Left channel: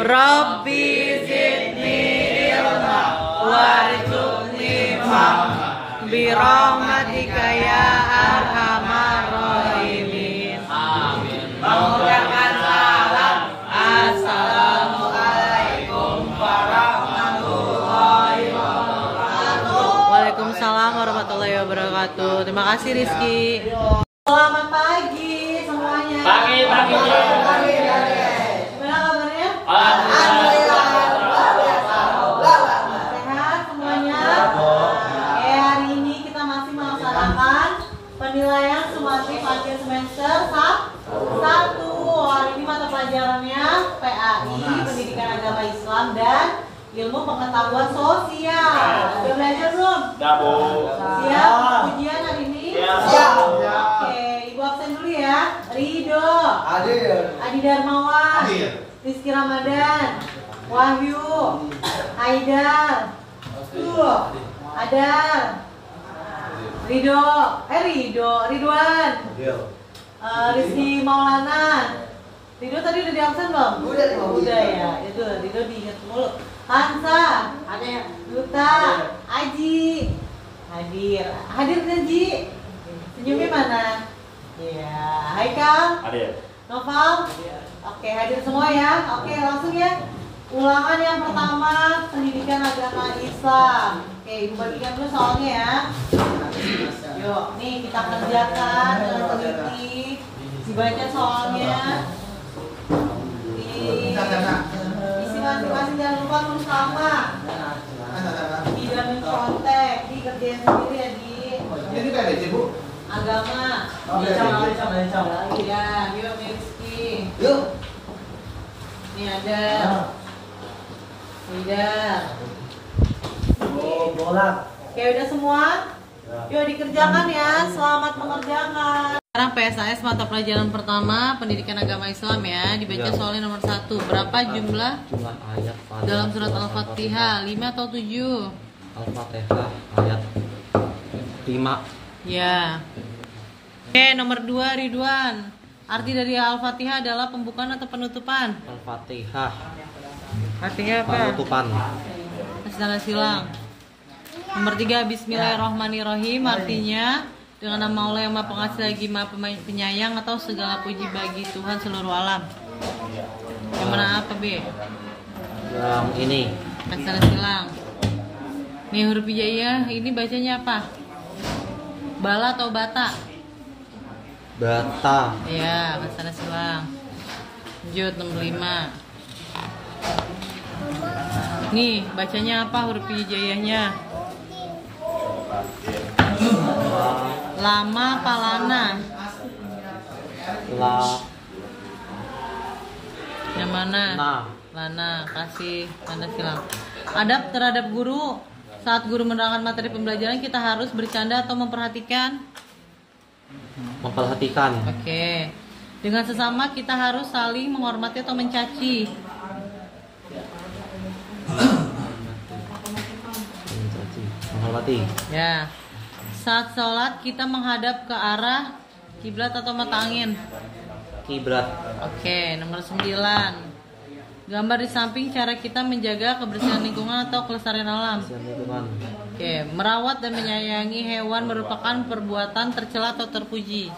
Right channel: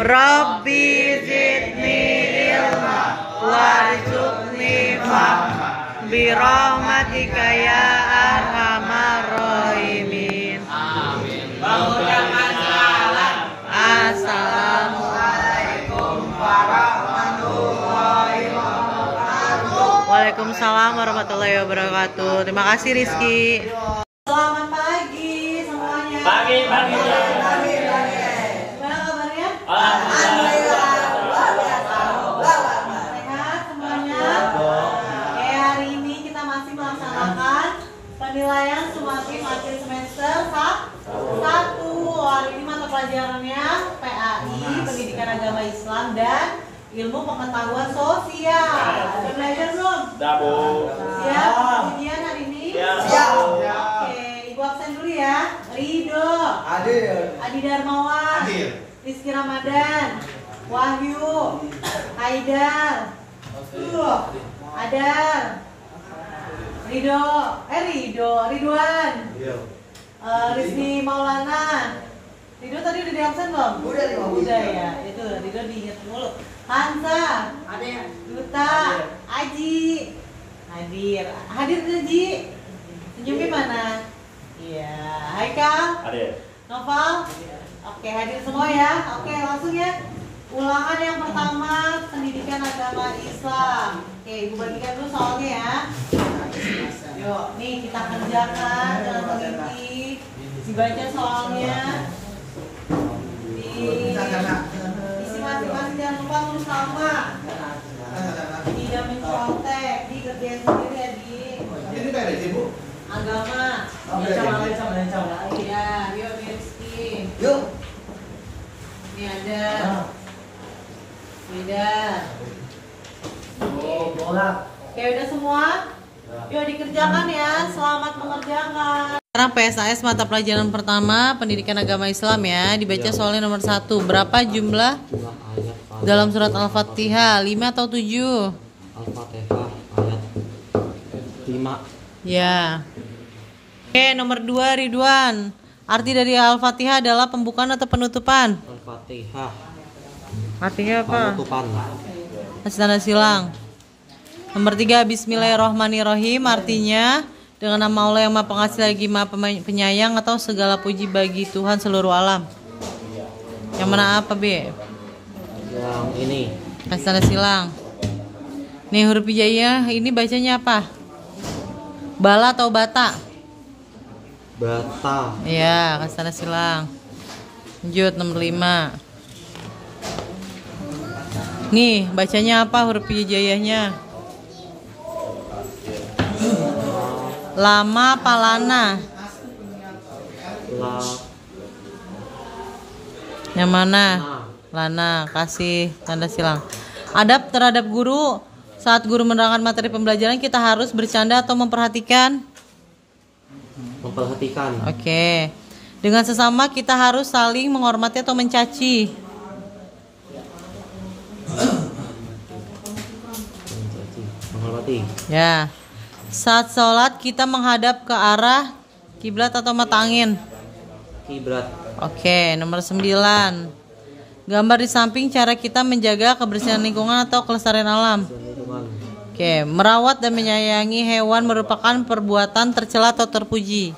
Rabbi zidni ilma warzuqni fahma birahmatika ya arhamar rahimin. Mengucapkan salam. Assalamualaikum warahmatullahi wabarakatuh. Waalaikumsalam warahmatullahi wabarakatuh. Terima kasih Rizky. Selamat pagi semuanya. Pagi. Gimana kabarnya? Alhamdulillah. Sehat semuanya. Oke, hari ini kita masih melaksanakan penilaian sumatif akhir semester 1. Hari ini mata pelajarannya PAI, Pendidikan Agama Islam dan Ilmu Pengetahuan Sosial. Udah belajar belum? Udah, Bu. Siap? Ujian hari ini? Siap. Oke, Ibu absen dulu ya. Ridho. Hadir. Adi Darmawan. Hadir. Rizky Ramadan. Wahyu. Haidar. Adar. Ridwan. Rizky Maulana. Ridho tadi udah di absen belum? Udah ya. Itu Ridho diingat mulu. Hansa. Ada ya? Yuta. Aji. Hadir Ji. Senyumnya mana? Iya. Haikal. Hadir. Noval. Oke, hadir semua ya. Oke, langsung ya. Ulangan yang pertama, Pendidikan Agama Islam. Oke, Ibu bagikan dulu soalnya ya. Yuk, nih kita kerjakan dengan teliti. Dibaca soalnya. Isi masing-masing, jangan lupa tulis nama. Tidak mencontek, dikerjain sendiri ya di. Ini kayak sih Bu? Agama. Iya, yuk Rizky. Yuk. Ini ada. Tidak. Bola. Oke, udah semua? Yuk dikerjakan ya. Selamat mengerjakan. Sekarang PSAS mata pelajaran pertama Pendidikan Agama Islam ya. Dibaca soalnya nomor 1. Berapa jumlah ayat dalam surat Al-Fatihah? 5 atau 7? Al-Fatihah ayat 5. Ya. Oke, nomor 2 Ridwan. Arti dari Al-Fatihah adalah pembukaan atau penutupan? Al-Fatihah Artinya apa? penutupan. Kasih tanda silang. Nomor 3 Bismillahirrohmanirrohim. Artinya dengan nama Allah yang Maha Pengasih lagi Maha Penyayang atau segala puji bagi Tuhan seluruh alam. Yang mana apa B? Yang ini Kasih tanda silang. Nih huruf hijaiyah ini bacanya apa? Bala atau bata? bata. Ya, kasih tanda silang. Lanjut nomor 5. Nih, bacanya apa huruf hijaiyahnya? Lama apa lana? La. Yang mana? Nah. Lana, kasih tanda silang. Adab terhadap guru. Saat guru menerangkan materi pembelajaran kita harus bercanda atau memperhatikan? Memperhatikan. Oke. Dengan sesama kita harus saling menghormati atau mencaci? Menghormati. Ya. Saat sholat kita menghadap ke arah kiblat atau mata angin? Kiblat. Oke, nomor 9. Gambar di samping cara kita menjaga kebersihan lingkungan atau kelestarian alam. Lingkungan. Oke, merawat dan menyayangi hewan merupakan perbuatan tercela atau terpuji?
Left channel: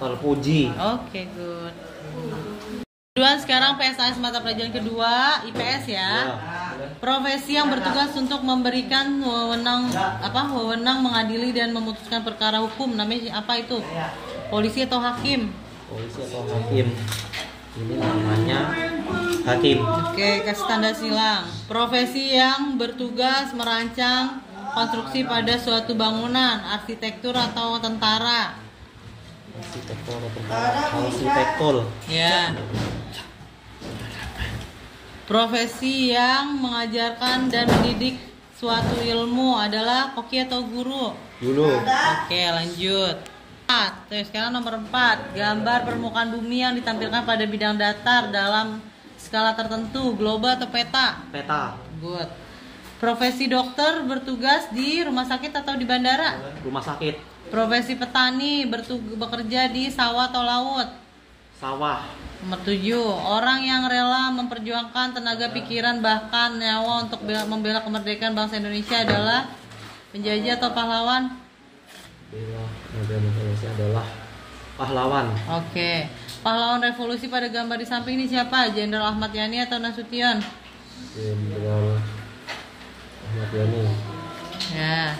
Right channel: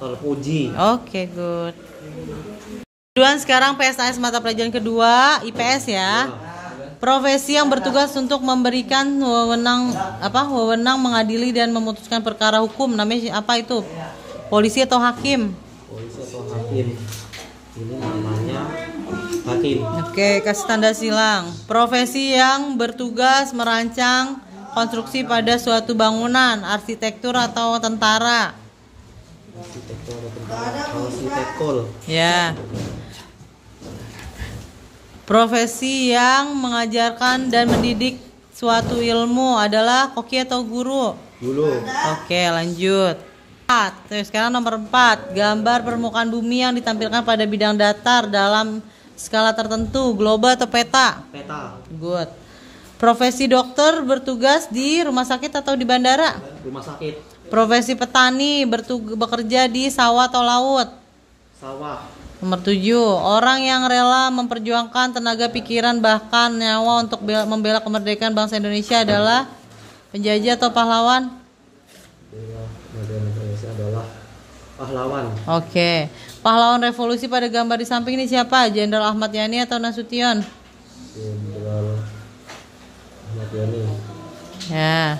Terpuji. Oke, good. Kedua, sekarang PSAS mata pelajaran kedua, IPS ya. Profesi yang bertugas untuk memberikan wewenang mengadili dan memutuskan perkara hukum namanya apa itu? Polisi atau hakim? Polisi atau hakim. Ini namanya hakim. Oke, kasih tanda silang. Profesi yang bertugas merancang konstruksi pada suatu bangunan, arsitektur atau tentara? Arsitektur atau tentara? Arsitektur. Ya. Profesi yang mengajarkan dan mendidik suatu ilmu adalah koki atau guru? Guru. Oke, lanjut. Sekarang nomor 4. Gambar permukaan bumi yang ditampilkan pada bidang datar dalam skala tertentu, global atau peta? Peta. Good. Profesi dokter bertugas di rumah sakit atau di bandara? Rumah sakit. Profesi petani bekerja di sawah atau laut? Sawah. Nomor 7, orang yang rela memperjuangkan tenaga pikiran bahkan nyawa untuk membela kemerdekaan bangsa Indonesia adalah penjajah atau pahlawan? Bela kemerdekaan Indonesia adalah pahlawan. Oke. Pahlawan revolusi pada gambar di samping ini siapa? Jenderal Ahmad Yani atau Nasution? Jenderal Ahmad Yani. Ya.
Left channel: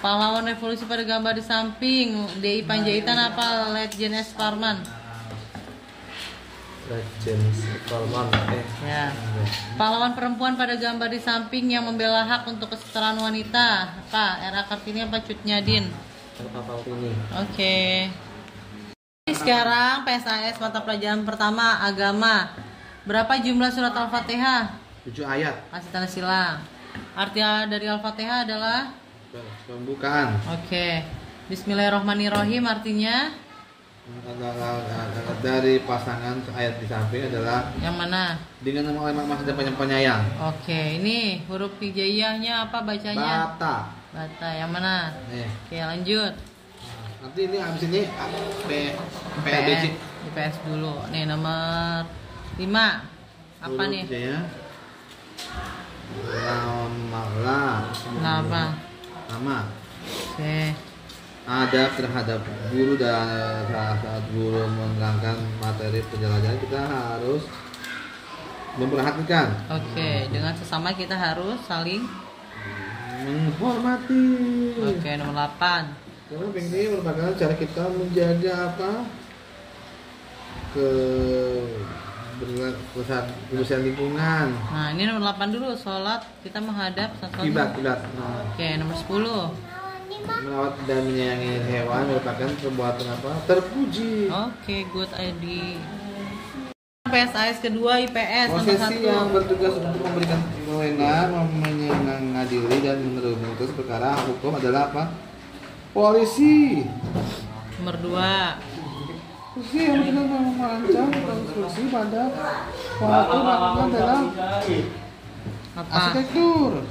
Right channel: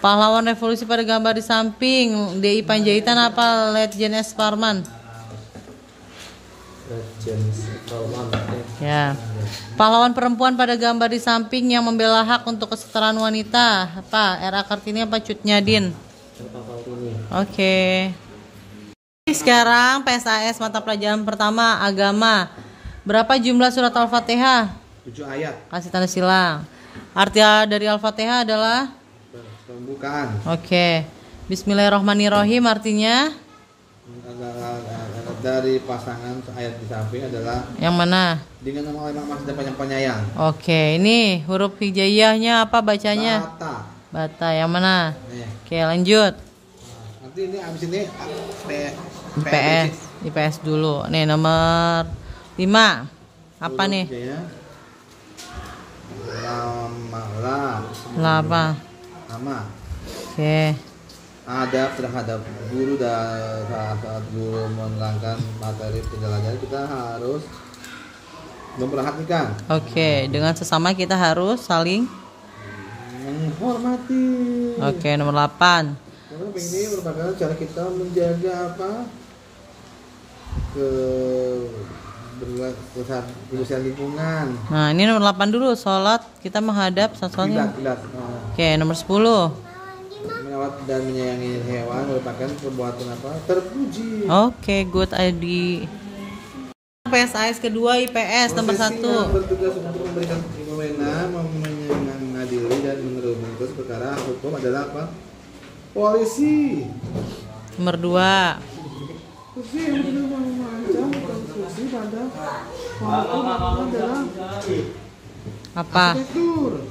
Pahlawan revolusi pada gambar di samping DI Panjaitan apa Letjen S. Parman? Letjen Parman. Ya. Pahlawan perempuan pada gambar di samping yang membela hak untuk kesetaraan wanita apa? R.A. Kartini apa Cut Nyadin? R.A. Kartini. Oke. Sekarang PSAS mata pelajaran pertama agama. Berapa jumlah surat Al-Fatihah? 7 ayat. Kasih tanda silang. Arti dari Al-Fatihah adalah Pembukaan. Oke. Bismillahirrahmanirrahim artinya Dari pasangan ayat di samping adalah yang mana? dengan nama Allah Maha dan Penyayang. Oke, ini huruf hijaiyahnya apa bacanya? Bata. Bata yang mana? Nih. Oke, lanjut. Nanti ini abis ini IPS. IPS dulu. Nih nomor 5. Apa nih? Apa? Nama. Oke. Adab terhadap guru dan saat guru menerangkan materi penjelajahan kita harus memperhatikan. Oke, dengan sesama kita harus saling menghormati. Oke, nomor 8. Karena ini merupakan cara kita menjaga apa? Kebersihan lingkungan. Nah, ini nomor 8 dulu, sholat kita menghadap Kiblat. Oke, nomor 10. Merawat dan menyayangi hewan merupakan perbuatan apa? Terpuji. Oke, good ID. PSAS kedua IPS nomor 1. Posisi yang bertugas untuk memberikan kewenangan, mengadili dan menuntut perkara hukum adalah apa? Polisi. Nomor 2. Posisi yang benar merancang konstruksi pada waktu melakukan adalah Apa? arsitektur.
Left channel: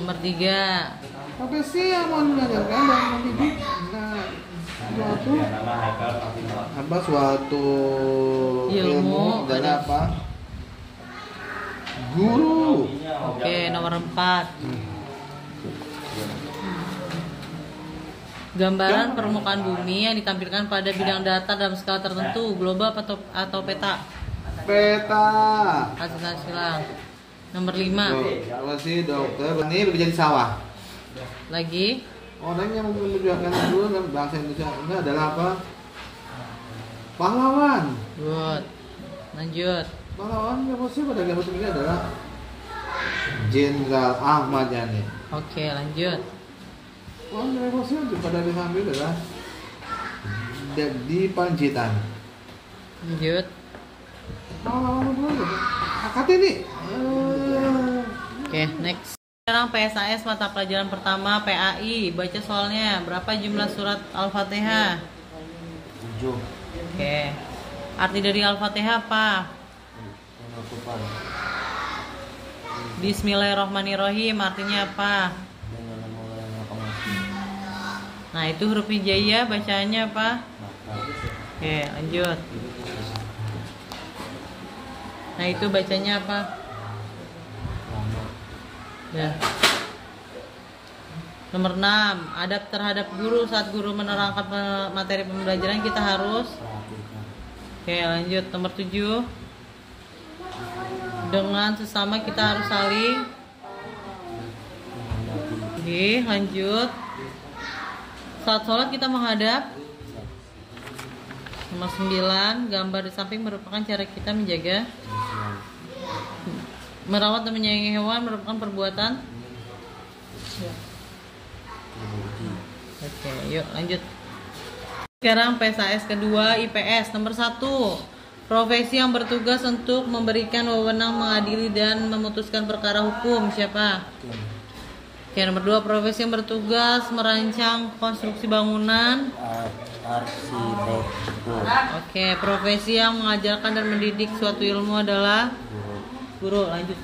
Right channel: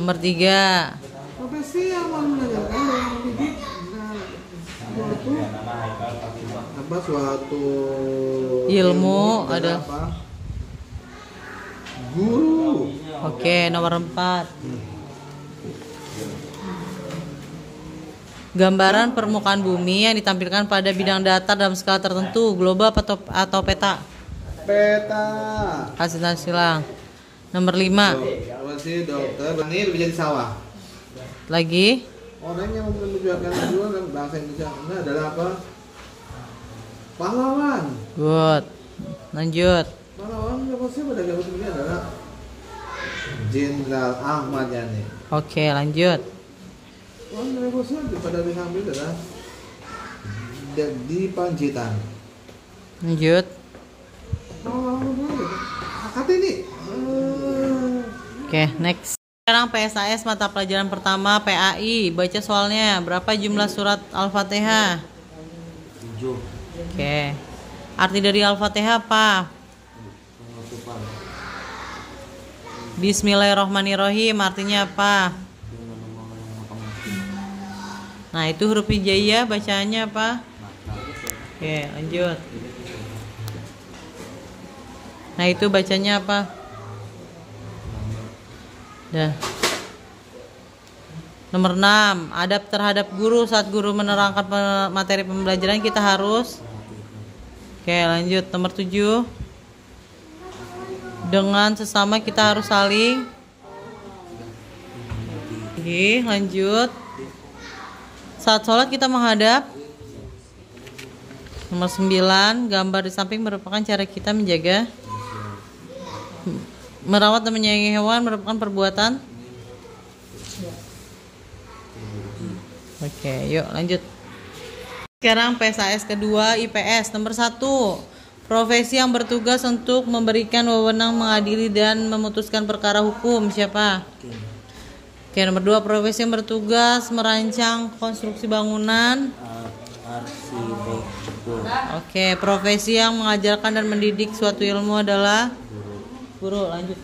Nomor 3. Profesi yang mau mengajarkan dan mendidik suatu Ilmu adalah ada apa? Guru. Oke, nomor 4. Gambaran permukaan bumi yang ditampilkan pada bidang datar dalam skala tertentu, global atau peta? Peta. Kasih tanda silang. Nomor 5. Profesi dokter ini bekerja di sawah. Lagi. Orang yang memperjuangkan dulu dalam bangsa Indonesia ini adalah apa? Pahlawan. Good. Lanjut. Pahlawan profesi pada gambar ini adalah Jenderal Ahmad Yani. Oke, lanjut. Pahlawan revolusi pada di samping adalah di Panjaitan. Lanjut. Pahlawan akad ini. Oke, next. Sekarang PSAS mata pelajaran pertama PAI. Baca soalnya. Berapa jumlah surat Al-Fatihah? 7. Oke. Arti dari Al-Fatihah apa? Penutupan. Bismillahirrahmanirrahim artinya apa? Dengan nama Allah yang Maha Pengasih. Nah, itu huruf hijaiyah bacanya apa? Maka. Oke, lanjut. Nah, itu bacanya apa? Dah. Nomor 6, adab terhadap guru saat guru menerangkan materi pembelajaran kita harus. Oke, lanjut. Nomor 7. Dengan sesama kita harus saling. Oke, lanjut. Saat sholat kita menghadap. Nomor 9, gambar di samping merupakan cara kita menjaga. Merawat dan menyayangi hewan merupakan perbuatan. Oke, yuk lanjut. Sekarang PSAS kedua IPS nomor 1. Profesi yang bertugas untuk memberikan wewenang mengadili dan memutuskan perkara hukum siapa? Oke, nomor 2. Profesi yang bertugas merancang konstruksi bangunan. Arsitektur. Oke, profesi yang mengajarkan dan mendidik suatu ilmu adalah guru. Lanjut.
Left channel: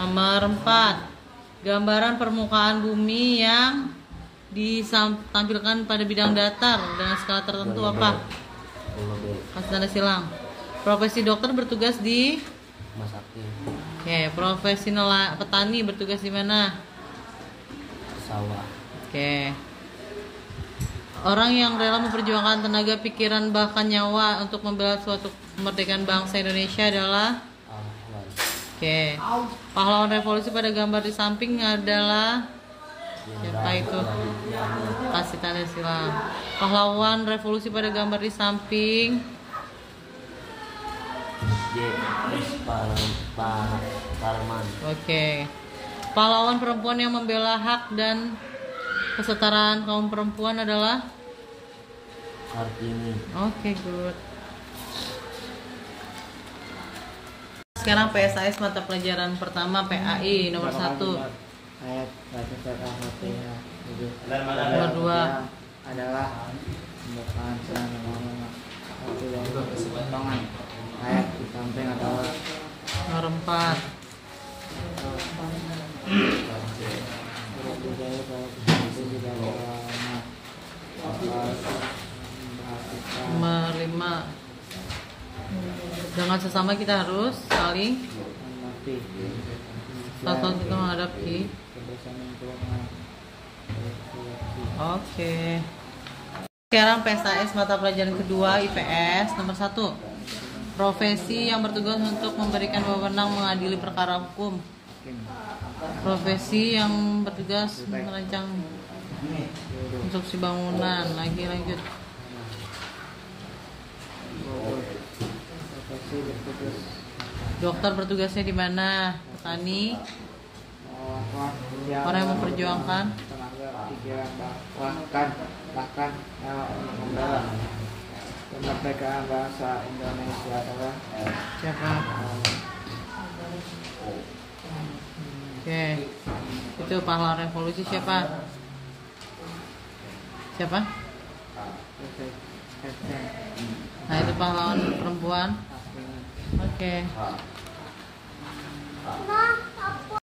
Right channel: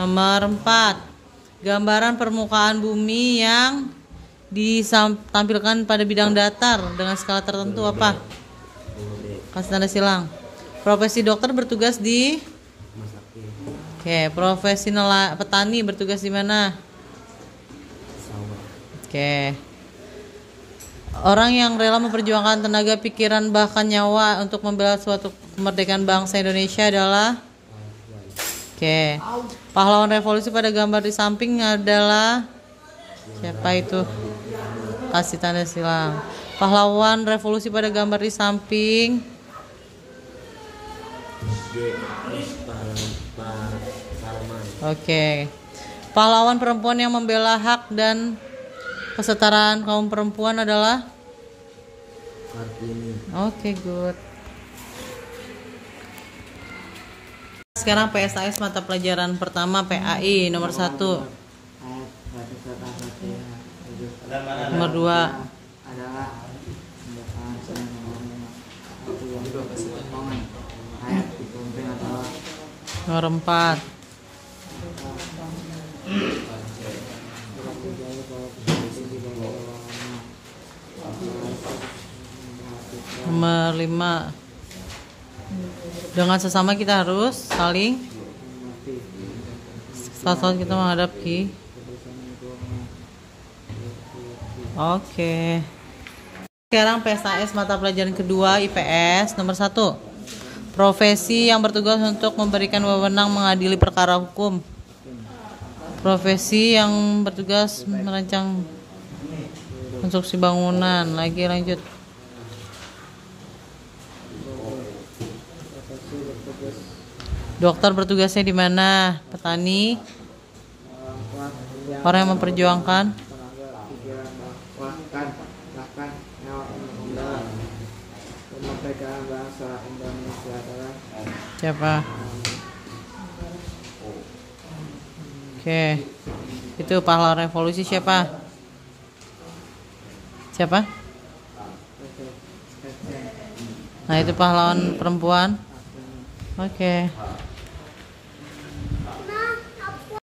Nomor 4. Gambaran permukaan bumi yang ditampilkan pada bidang datar dengan skala tertentu apa? Kasih tanda silang. Profesi dokter bertugas di Rumah sakit. Oke, profesi petani bertugas di mana? Sawah. Oke. Orang yang rela memperjuangkan tenaga, pikiran, bahkan nyawa untuk membela suatu kemerdekaan bangsa Indonesia adalah Pahlawan. Oke. Pahlawan revolusi pada gambar di samping adalah siapa itu? Kasih tanda silang. Pahlawan revolusi pada gambar di samping. Parman. Oke. Pahlawan perempuan yang membela hak dan kesetaraan kaum perempuan adalah Kartini. Oke, good. Sekarang PSAS mata pelajaran pertama PAI nomor 1. Ayat baca surat Al-Fatihah. Nomor 2. Adalah pembukaan sedang ngomong tidak potongan. Ayat di samping adalah Nomor 4. surat budaya bahwa posisi di bawah ulama Nomor 5. Dengan sesama kita harus saling menghormati saat kita menghadapi. kebersihan lingkungan. Oke. Sekarang PSAS mata pelajaran kedua IPS nomor 1. Profesi yang bertugas untuk memberikan wewenang mengadili perkara hukum. Profesi yang bertugas merancang konstruksi bangunan. Lagi lanjut. Profesi bertugas Dokter bertugasnya di mana? Petani. Orang yang memperjuangkan. tenaga pikiran bahkan nyawa untuk membela kemerdekaan bangsa Indonesia adalah Siapa? Oke. Itu pahlawan revolusi siapa? Siapa? Nah, itu pahlawan perempuan. Oke.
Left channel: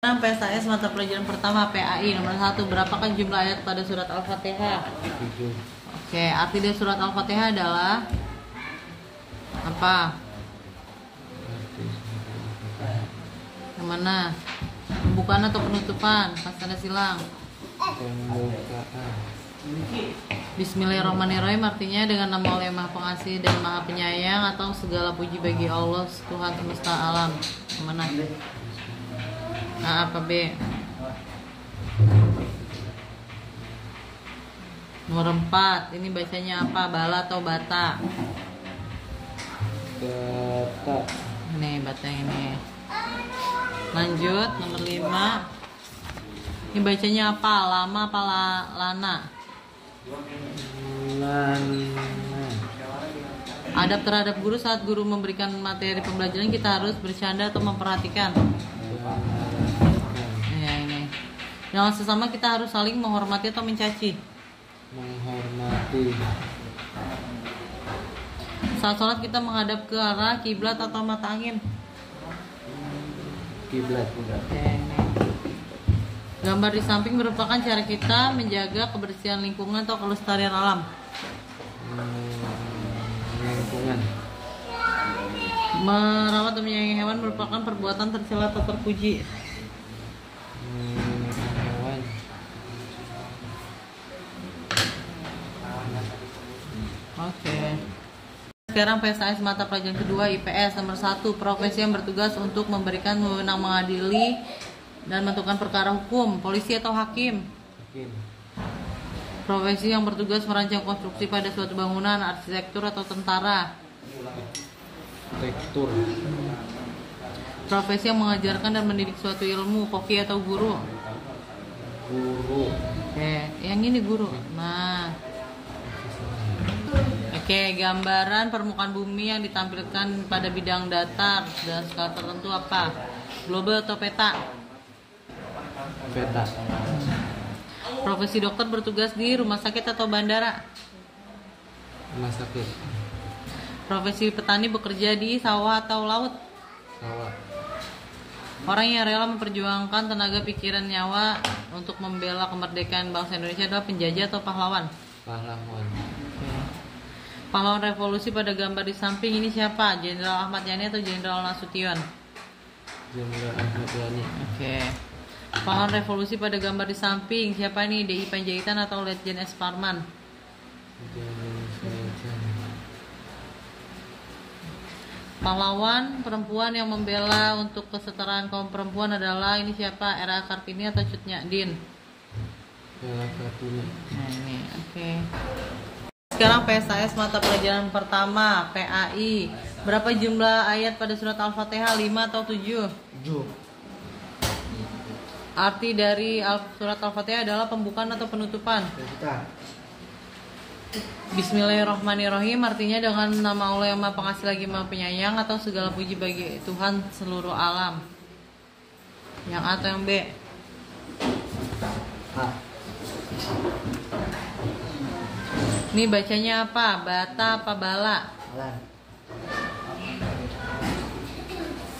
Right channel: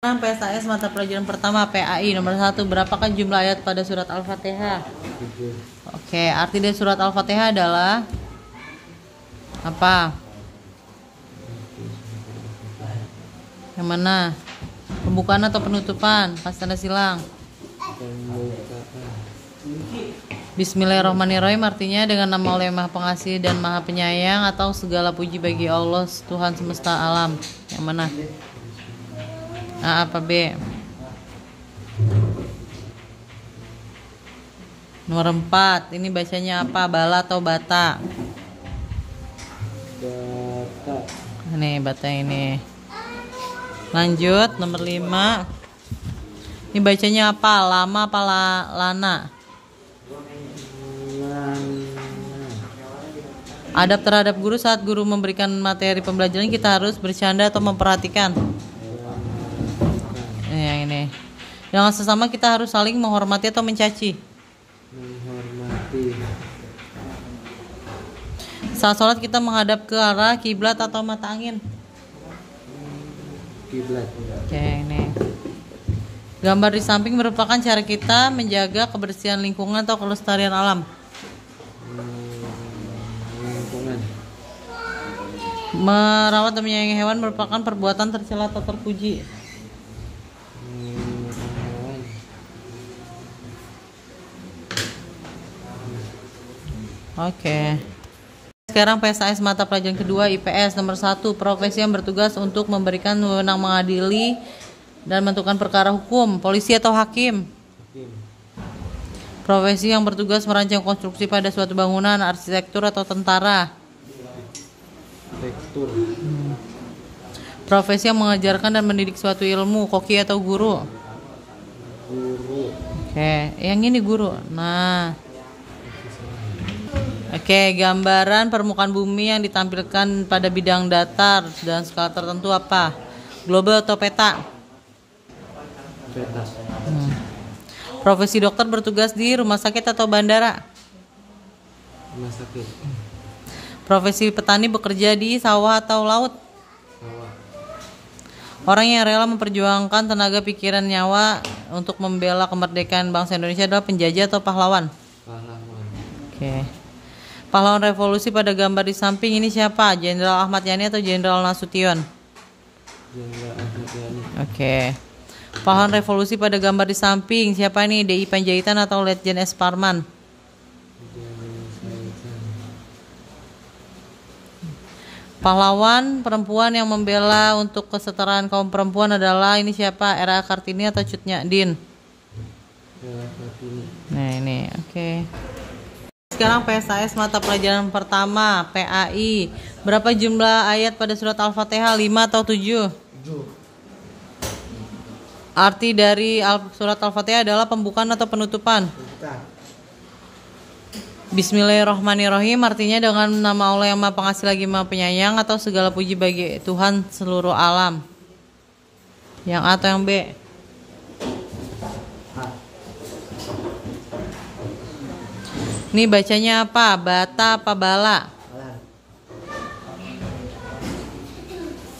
Sekarang PSAS mata pelajaran pertama PAI nomor 1. Berapakah jumlah ayat pada surat Al-Fatihah? 7. Oke, arti dari surat Al-Fatihah adalah apa? Yang mana? Pembukaan atau penutupan? Kasih tanda silang. Pembukaan. Bismillahirrahmanirrahim artinya dengan nama Allah yang Maha Pengasih dan Maha Penyayang, atau segala puji bagi Allah Tuhan semesta alam. Yang mana? A apa B? Nomor 4. Ini bacanya apa? Bala atau bata? Bata. Ini bata ini. Lanjut nomor 5. Ini bacanya apa? Lama apa lana? Lana. Adab terhadap guru saat guru memberikan materi pembelajaran, kita harus bercanda atau memperhatikan. Ya, ini. Dengan sesama kita harus saling menghormati atau mencaci. Menghormati. Saat sholat kita menghadap ke arah kiblat atau mata angin. Kiblat. Oke, ini. Gambar di samping merupakan cara kita menjaga kebersihan lingkungan atau kelestarian alam. Lingkungan. Merawat dan menyayangi hewan merupakan perbuatan tercela atau terpuji. Hewan. Oke. Sekarang PSAS mata pelajaran kedua IPS nomor 1. Profesi yang bertugas untuk memberikan wewenang mengadili dan menentukan perkara hukum. Polisi atau hakim. Hakim. Profesi yang bertugas merancang konstruksi pada suatu bangunan, arsitektur atau tentara. Rektur. Profesi yang mengajarkan dan mendidik suatu ilmu, koki atau guru. Guru. Oke, yang ini guru. Nah. Oke, gambaran permukaan bumi yang ditampilkan pada bidang datar dan skala tertentu apa? Global atau peta? Peta. Profesi dokter bertugas di rumah sakit atau bandara? Rumah sakit. Profesi petani bekerja di sawah atau laut? Sawah. Orang yang rela memperjuangkan tenaga, pikiran, nyawa untuk membela kemerdekaan bangsa Indonesia adalah penjajah atau pahlawan? Pahlawan. Oke. Pahlawan revolusi pada gambar di samping ini siapa? Jenderal Ahmad Yani atau Jenderal Nasution? Jenderal Ahmad Yani. Oke. Pahlawan revolusi pada gambar di samping siapa nih? DI Panjaitan atau Letjen S. Parman? Pahlawan perempuan yang membela untuk kesetaraan kaum perempuan adalah ini siapa? R.A. Kartini atau Cut Nyak-Din? R.A. Kartini. Nah ini, oke. Sekarang PSAS mata pelajaran pertama PAI. Berapa jumlah ayat pada surat Al-Fatihah? 5 atau 7? 7. Arti dari surat Al-Fatihah adalah pembukaan atau penutupan? Bismillahirrahmanirrahim artinya dengan nama Allah yang Maha Pengasih lagi Maha Penyayang atau segala puji bagi Tuhan seluruh alam. Yang A atau yang B? A. Ini bacanya apa? Bata apa bala? Alan.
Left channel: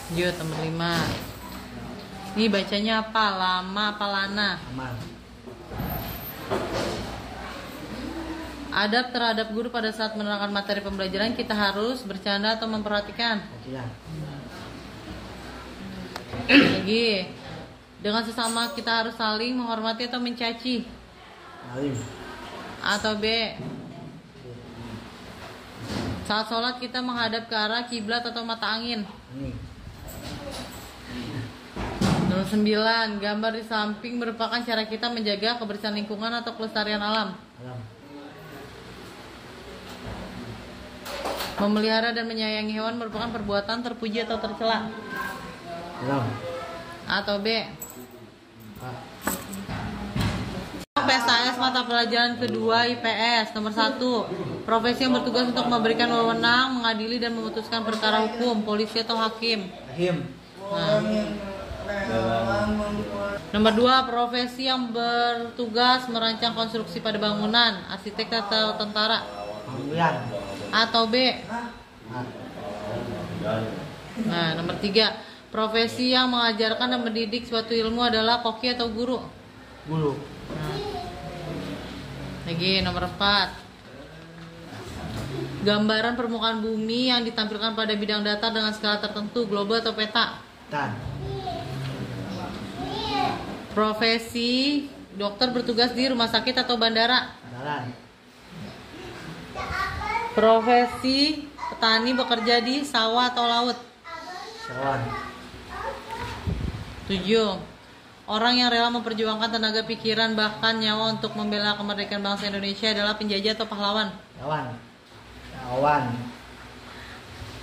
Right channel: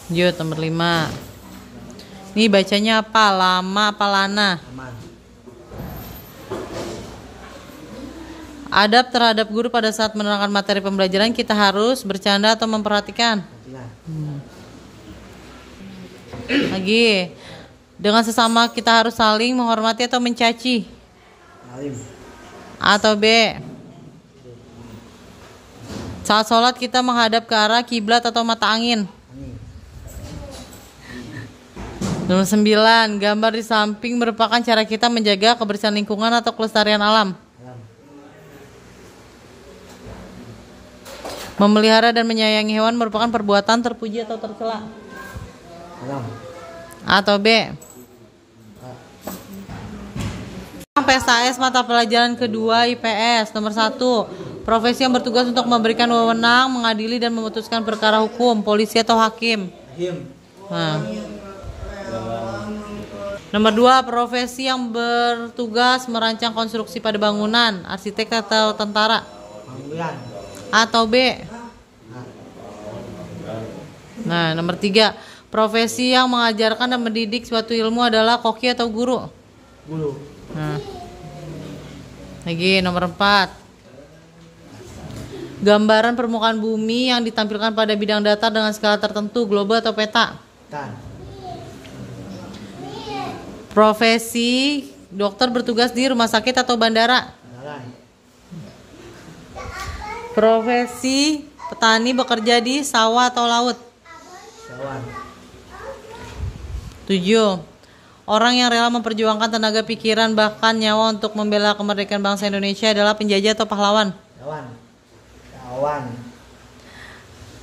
Lanjut nomor 5. Ini bacanya apa? Lama apa lana? Aman. Adab terhadap guru pada saat menerangkan materi pembelajaran kita harus bercanda atau memperhatikan? Lagi. Dengan sesama kita harus saling menghormati atau mencaci? Alim. A atau B? Saat sholat kita menghadap ke arah kiblat atau mata angin? Angin. Nomor 9. Gambar di samping merupakan cara kita menjaga kebersihan lingkungan atau kelestarian alam? Alam. Memelihara dan menyayangi hewan merupakan perbuatan terpuji atau tercela? Alam. A atau B? PSAS mata pelajaran kedua IPS. Nomor 1. Profesi yang bertugas untuk memberikan wewenang, mengadili dan memutuskan perkara hukum, polisi atau hakim? Hakim. Nah. Nomor 2. Profesi yang bertugas merancang konstruksi pada bangunan, arsitek atau tentara? Bangunan. A atau B? A. Nah, nomor 3. Profesi yang mengajarkan dan mendidik suatu ilmu adalah koki atau guru? Guru. Nah. Lagi nomor 4. Gambaran permukaan bumi yang ditampilkan pada bidang datar dengan skala tertentu, global atau peta? Tan. Profesi dokter bertugas di rumah sakit atau bandara? Jalan. Profesi petani bekerja di sawah atau laut? Sawan. 7. Orang yang rela memperjuangkan tenaga pikiran bahkan nyawa untuk membela kemerdekaan bangsa Indonesia adalah penjajah atau pahlawan? Jawan. Jawan.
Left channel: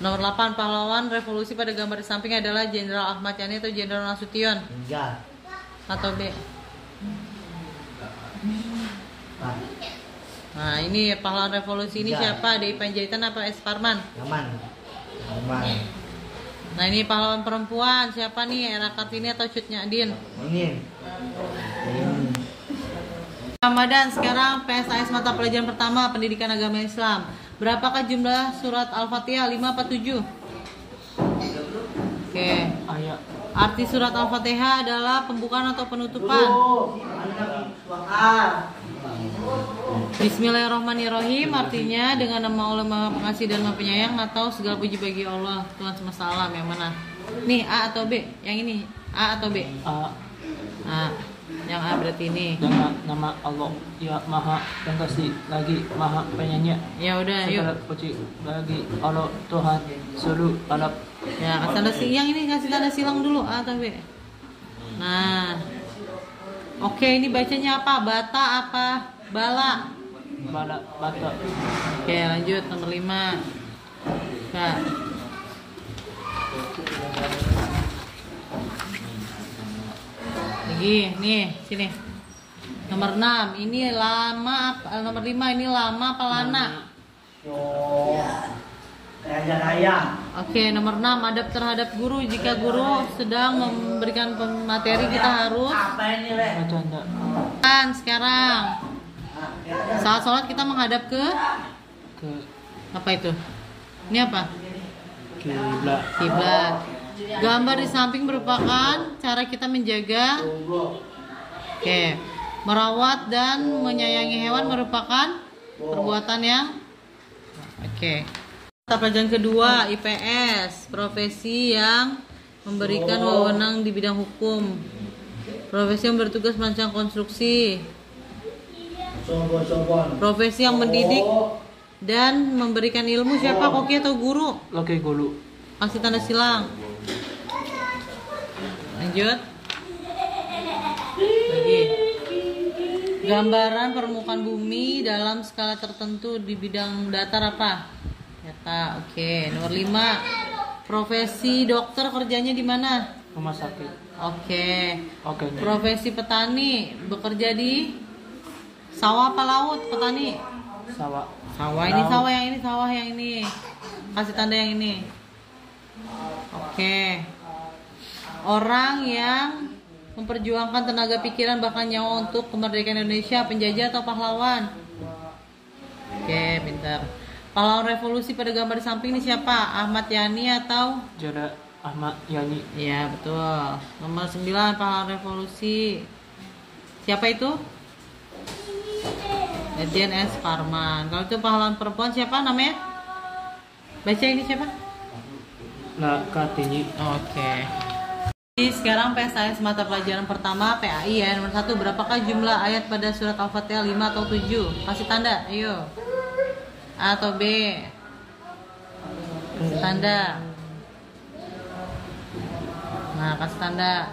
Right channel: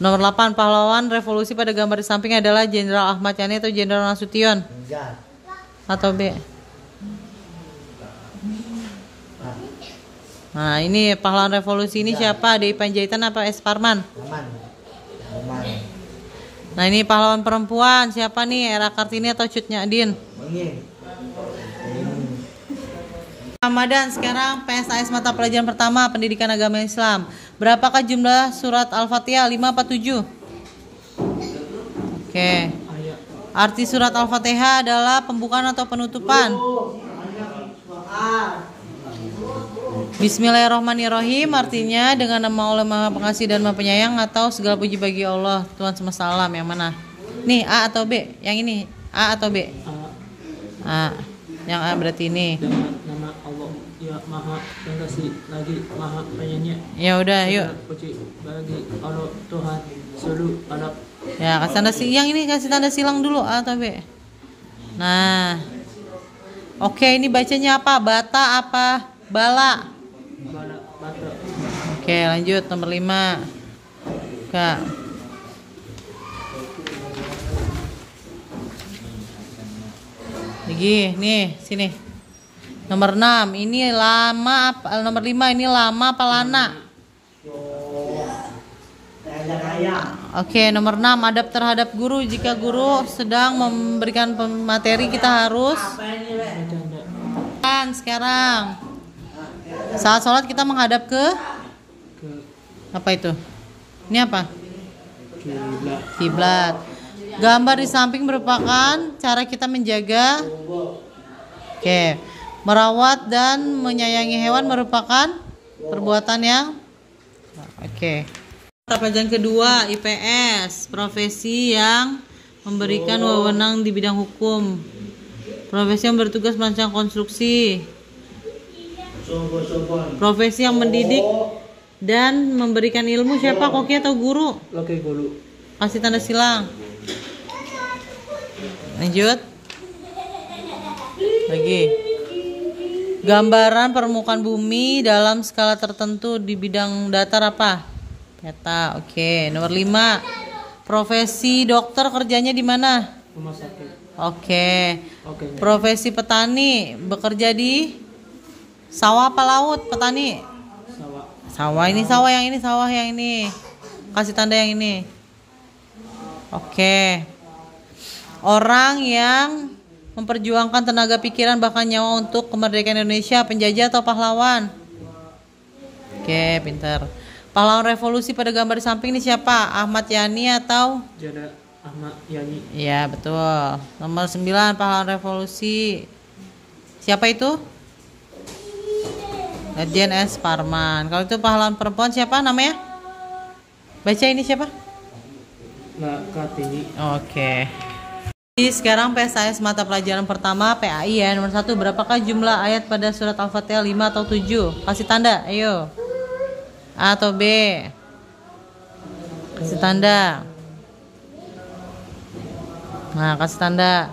Nomor 8. Pahlawan revolusi pada gambar di samping adalah Jenderal Ahmad Yani atau Jenderal Nasution? Tinggal. Atau B? A. Nah ini pahlawan revolusi ini siapa? DI Panjaitan apa S. Parman? Aman. Aman. Nah ini pahlawan perempuan siapa nih? R.A. Kartini atau Cut Nyak-Din? Ini. Ramadan. Sekarang PSAS mata pelajaran pertama pendidikan agama Islam. Berapakah jumlah surat Al-Fatihah? 5 apa 7? Oke. Arti surat Al-Fatihah adalah pembukaan atau penutupan? Bismillahirrahmanirrahim artinya dengan nama Allah Maha Pengasih dan Maha Penyayang atau segala puji bagi Allah Tuhan semesta alam. Yang mana? Nih A atau B? Yang ini A atau B? A. A. Yang A berarti ini. Dengan nama Allah ya Maha Pengasih lagi Maha Penyayang. Ya udah yuk. Segala puji bagi Allah Tuhan seluruh alam. Ya kasih tanda silang, yang ini kasih tanda silang dulu A atau B? Nah. Oke, ini bacanya apa? Bata apa bala? Bala bata. Oke, lanjut nomor 5. Kak. Lagi, nih, sini. Nomor 6, ini lama apa? Nomor 5 ini lama apa lana? Oke, nomor 6 adab terhadap guru. Jika guru sedang memberikan materi kita harus Bercanda. kan sekarang. Saat sholat kita menghadap ke apa itu? Ini apa? Kiblat. Kiblat. Gambar di samping merupakan cara kita menjaga. Oke. Merawat dan menyayangi hewan merupakan perbuatan yang Oke. Mata pelajaran kedua IPS, profesi yang memberikan wewenang di bidang hukum. Profesi yang bertugas merancang konstruksi. Profesi yang mendidik dan memberikan ilmu siapa? Koki atau guru? Oke, guru. Kasih tanda silang. Lanjut. Lagi. Gambaran permukaan bumi dalam skala tertentu di bidang datar apa? Peta. Oke. Nomor 5. Profesi dokter kerjanya di mana? Rumah sakit. Oke. Oke. Profesi petani bekerja di sawah apa laut? Petani. Sawah. Sawah ini, sawah yang ini, sawah yang ini. Kasih tanda yang ini. Oke. Orang yang memperjuangkan tenaga pikiran bahkan nyawa untuk kemerdekaan Indonesia, penjajah atau pahlawan? Oke, pintar. Pahlawan revolusi pada gambar di samping ini siapa? Ahmad Yani atau? Jada Ahmad Yani. Iya, betul. Nomor 9, pahlawan revolusi. Siapa itu? Lejen S. Parman. Kalau itu pahlawan perempuan siapa namanya? Baca ini siapa? La Kartini. Oke. Jadi sekarang PSAS mata pelajaran pertama PAI ya. Nomor 1, berapakah jumlah ayat pada surat Al-Fatihah, 5 atau 7? Kasih tanda, ayo. A atau B? Kasih tanda. Nah, kasih tanda.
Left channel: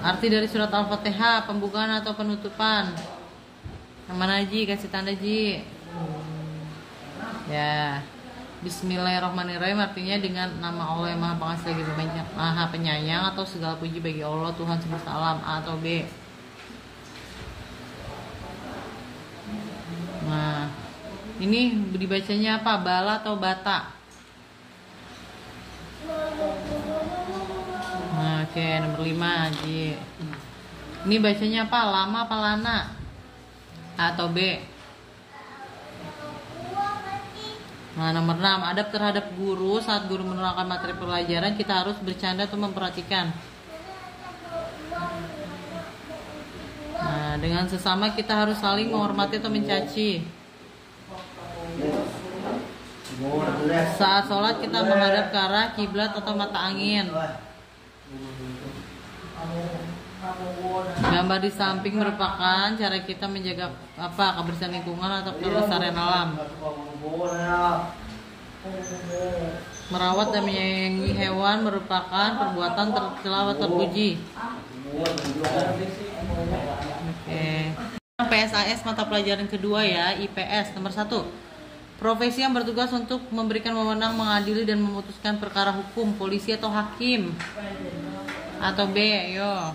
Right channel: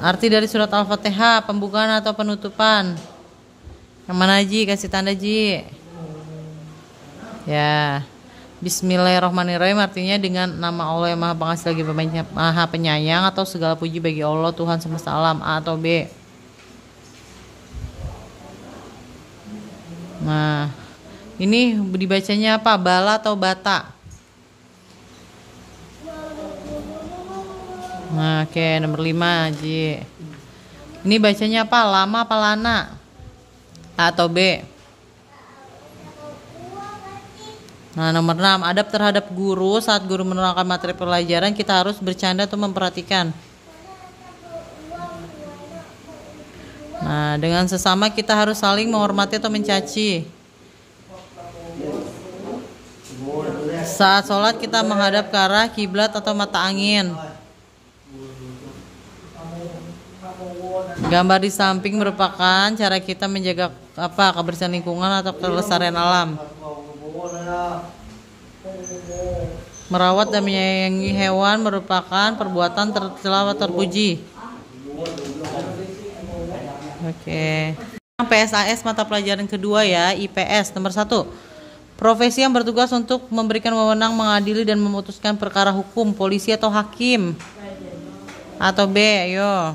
Arti dari surat Al-Fatihah, pembukaan atau penutupan? Yang mana Ji? Kasih tanda Ji. Ya. Bismillahirrahmanirrahim artinya dengan nama Allah yang Maha Pengasih lagi Maha Penyayang atau segala puji bagi Allah Tuhan semesta alam. A atau B? Nah, ini dibacanya apa? Bala atau bata? Nah, oke, nomor 5 Ji. Ini bacanya apa? Lama apa lana? A atau B? Nah, nomor 6, adab terhadap guru. Saat guru menerangkan materi pelajaran, kita harus bercanda atau memperhatikan. Nah, dengan sesama kita harus saling menghormati atau mencaci. Saat sholat kita menghadap ke arah kiblat atau mata angin. Gambar di samping merupakan cara kita menjaga apa? Kebersihan lingkungan atau kelestarian alam. Merawat dan menyayangi hewan merupakan perbuatan tercela atau terpuji. Oke. PSAS mata pelajaran kedua ya, IPS. Nomor 1, profesi yang bertugas untuk memberikan wewenang mengadili dan memutuskan perkara hukum, polisi atau hakim? Atau B, ayo.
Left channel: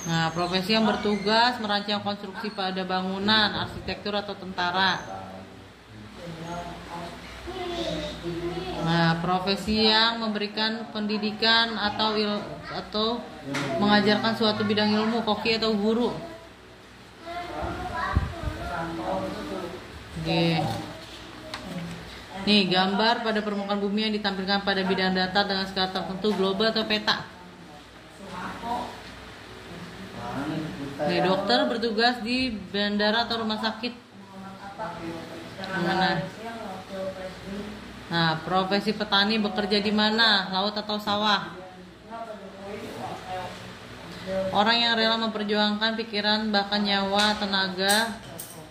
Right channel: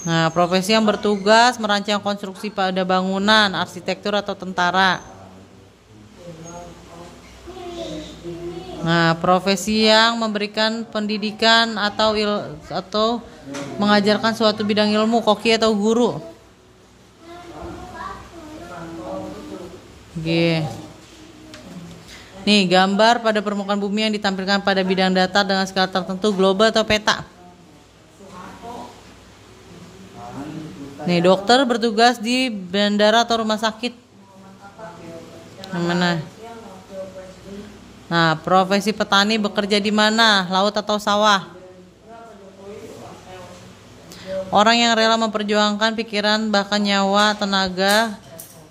Nah, profesi yang bertugas merancang konstruksi pada bangunan, arsitektur atau tentara. Nah, profesi yang memberikan pendidikan atau mengajarkan suatu bidang ilmu, koki atau guru. Oke. Nih, gambar pada permukaan bumi yang ditampilkan pada bidang datar dengan skala tertentu, global atau peta. Nih, dokter bertugas di bandara atau rumah sakit. Yang mana? Nah, profesi petani bekerja di mana? Laut atau sawah? Orang yang rela memperjuangkan pikiran bahkan nyawa, tenaga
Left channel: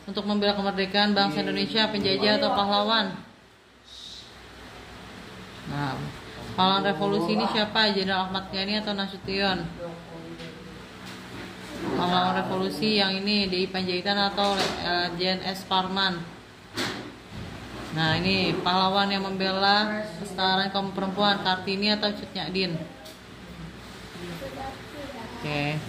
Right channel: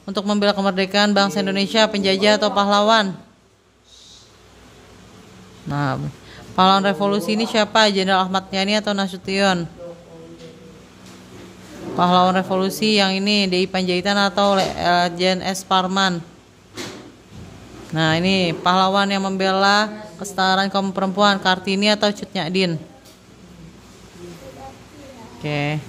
untuk membela kemerdekaan bangsa Indonesia, penjajah atau pahlawan? Nah, pahlawan revolusi ini siapa? Jenderal Ahmad Yani atau Nasution? Pahlawan revolusi yang ini DI Panjaitan atau Lejen S. Parman? Nah, ini pahlawan yang membela kesetaraan kaum perempuan, Kartini atau Cut Nyadin? Oke.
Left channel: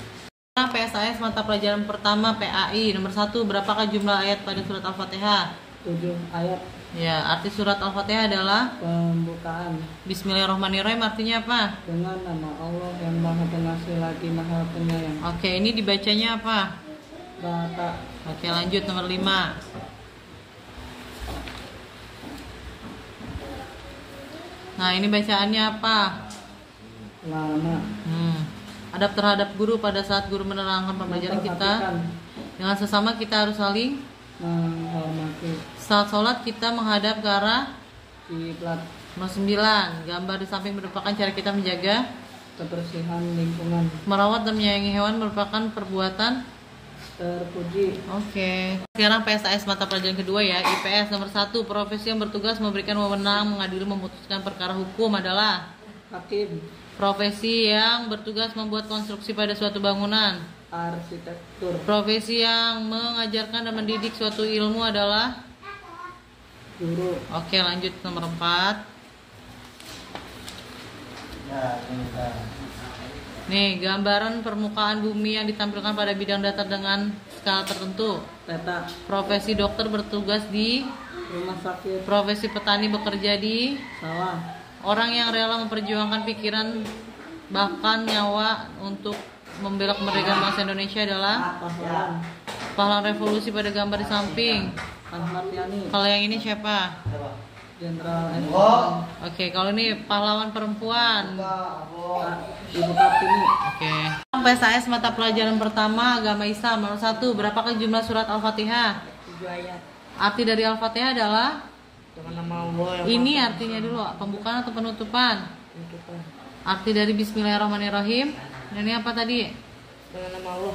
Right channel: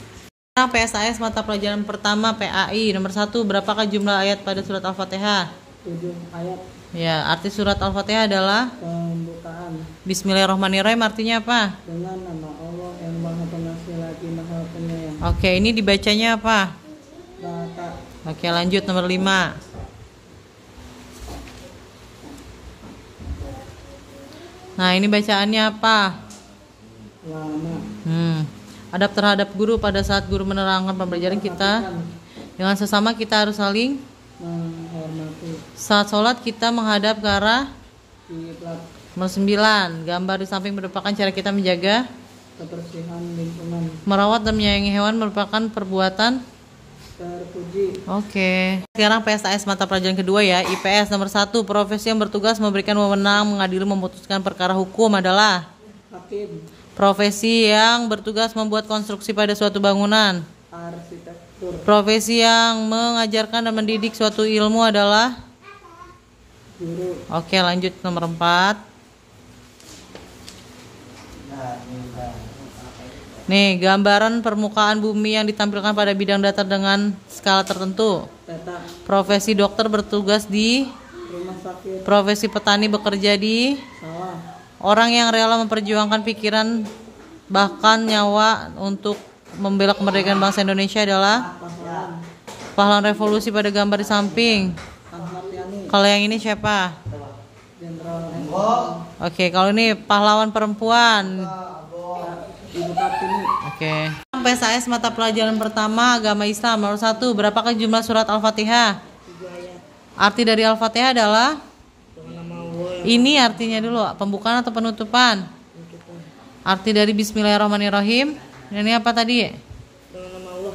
Nah, PSAS mata pelajaran pertama PAI. Nomor 1, berapakah jumlah ayat pada surat Al-Fatihah? 7 ayat. Ya, arti surat Al-Fatihah adalah Pembukaan. Bismillahirrahmanirrahim artinya apa? Dengan nama Allah yang Maha Pengasih lagi Maha Penyayang. Oke, ini dibacanya apa? Bata. Oke, lanjut nomor 5. Nah, ini bacaannya apa? Lama. Adab terhadap guru pada saat guru menerangkan pembelajaran kita. Dengan sesama kita harus saling menghormati Saat sholat kita menghadap ke arah kiblat, nomor 9. Gambar di samping merupakan cara kita menjaga, kebersihan lingkungan, merawat dan menyayangi hewan merupakan perbuatan. terpuji. Oke. Sekarang PSAS mata pelajaran kedua ya. IPS nomor 1. Profesi yang bertugas memberikan wewenang mengadili memutuskan perkara hukum adalah Hakim, profesi yang bertugas membuat konstruksi pada suatu bangunan. arsitektur, Profesi yang mengajarkan dan mendidik suatu ilmu adalah. guru, Oke, lanjut nomor 4. Nih, gambaran permukaan bumi yang ditampilkan pada bidang datar dengan skala tertentu. peta, Profesi dokter bertugas di. rumah sakit, Profesi petani bekerja di. sawah, Orang yang rela memperjuangkan pikiran bahkan nyawa untuk membela kemerdekaan bangsa Indonesia adalah pahlawan, pahlawan revolusi pada gambar di samping. Ahmad Yani, Kalau yang ini siapa? Jenderal M. Oke, kalau ini pahlawan perempuan. Ibu Kartini, Oke. PSAS mata pelajaran pertama agama Islam nomor 1. Berapakah jumlah surat Al-Fatihah? 3 ayat. Arti dari Al-Fatihah adalah. Dengan nama Allah yang Ini artinya dulu, pembukaan atau penutupan? menentukan. Arti dari Bismillahirrahmanirrahim. Ini apa tadi? Dengan nama Allah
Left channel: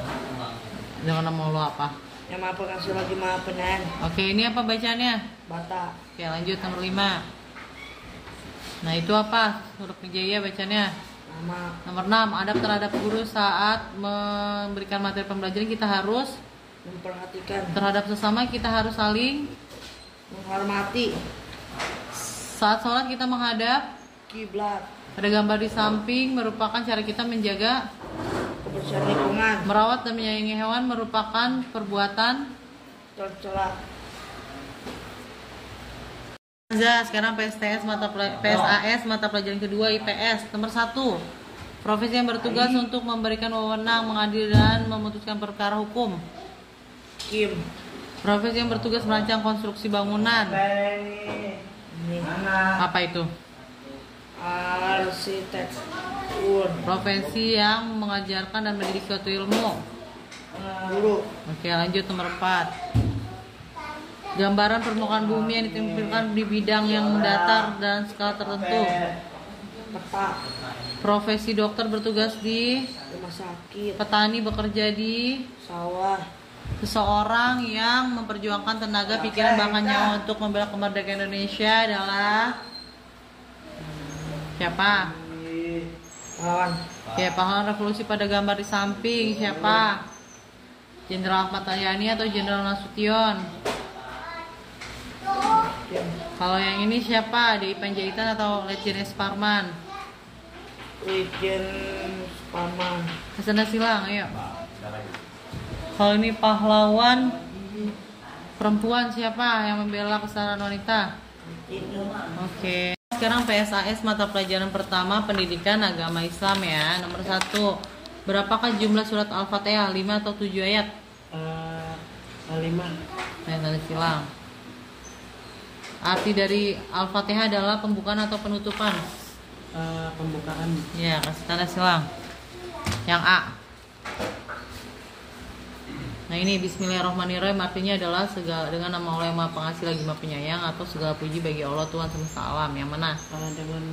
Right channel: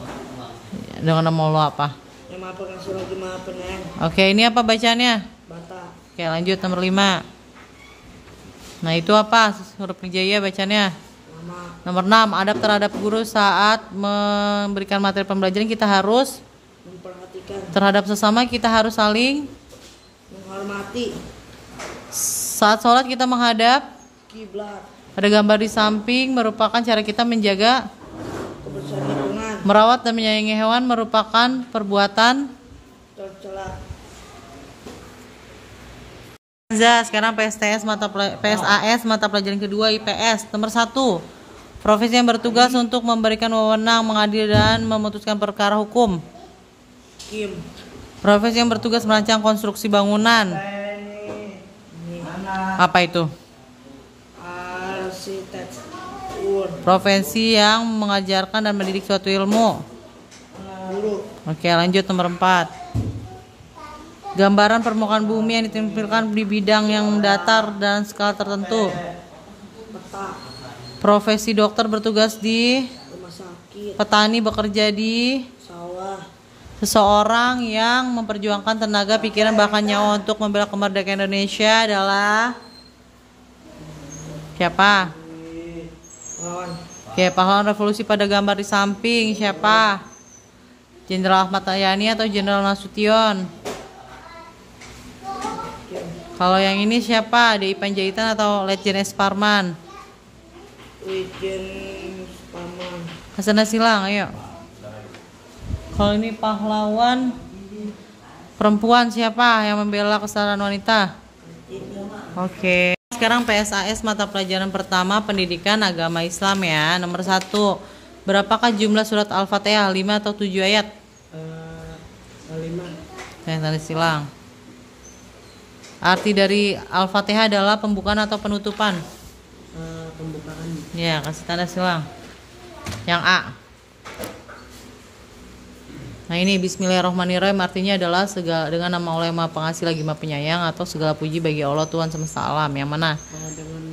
Dengan nama Allah apa? yang maha pengasih lagi maha penyayang. Oke, ini apa bacaannya? Bata, Oke, lanjut nomor 5. Nah, itu apa? Huruf hijaiyah bacanya. nama, Nomor 6, adab terhadap guru saat memberikan materi pembelajaran kita harus memperhatikan, terhadap sesama kita harus saling. menghormati, Saat sholat kita menghadap kiblat, pada gambar di samping merupakan cara kita menjaga, kebersihan lingkungan, merawat dan menyayangi hewan merupakan perbuatan. tercela, Sekarang PSAS mata pelajaran kedua IPS nomor 1. Profesi yang bertugas untuk memberikan wewenang mengadili dan memutuskan perkara hukum. Kim, Profesi yang bertugas merancang konstruksi bangunan. ini, Apa itu? arsitektur, Profesi yang mengajarkan dan mendidik suatu ilmu. guru, Oke, lanjut nomor 4. Gambaran permukaan bumi yang ditampilkan di bidang yang datar dan skala tertentu. peta, Profesi dokter bertugas di. rumah sakit, Petani bekerja di. sawah, Seseorang yang memperjuangkan tenaga, pikiran, bahkan nyawa untuk membela kemerdekaan Indonesia adalah siapa? pahlawan, Ya, pahlawan revolusi pada gambar di samping siapa? Jenderal Ahmad Yani atau Jenderal Nasution? Kim, Kalau yang ini siapa? DI Panjaitan atau Letjen S. Parman? Wijen Paman, Hasan Silang, ayo. Kalau ini pahlawan perempuan siapa yang membela kesetaraan wanita? ini, Oke. Sekarang PSAS mata pelajaran pertama pendidikan agama Islam ya. Nomor 1. Berapakah jumlah surat Al-Fatihah? 5 atau 7 ayat? 5, Tanda silang. Arti dari Al-Fatihah adalah pembukaan atau penutupan? pembukaan, Ya, kasih tanda silang. Yang A. Nah, ini Bismillahirrahmanirrahim artinya adalah segala dengan nama Allah yang Maha Pengasih lagi Maha Penyayang atau segala puji bagi Allah Tuhan semesta alam. Yang mana? dengan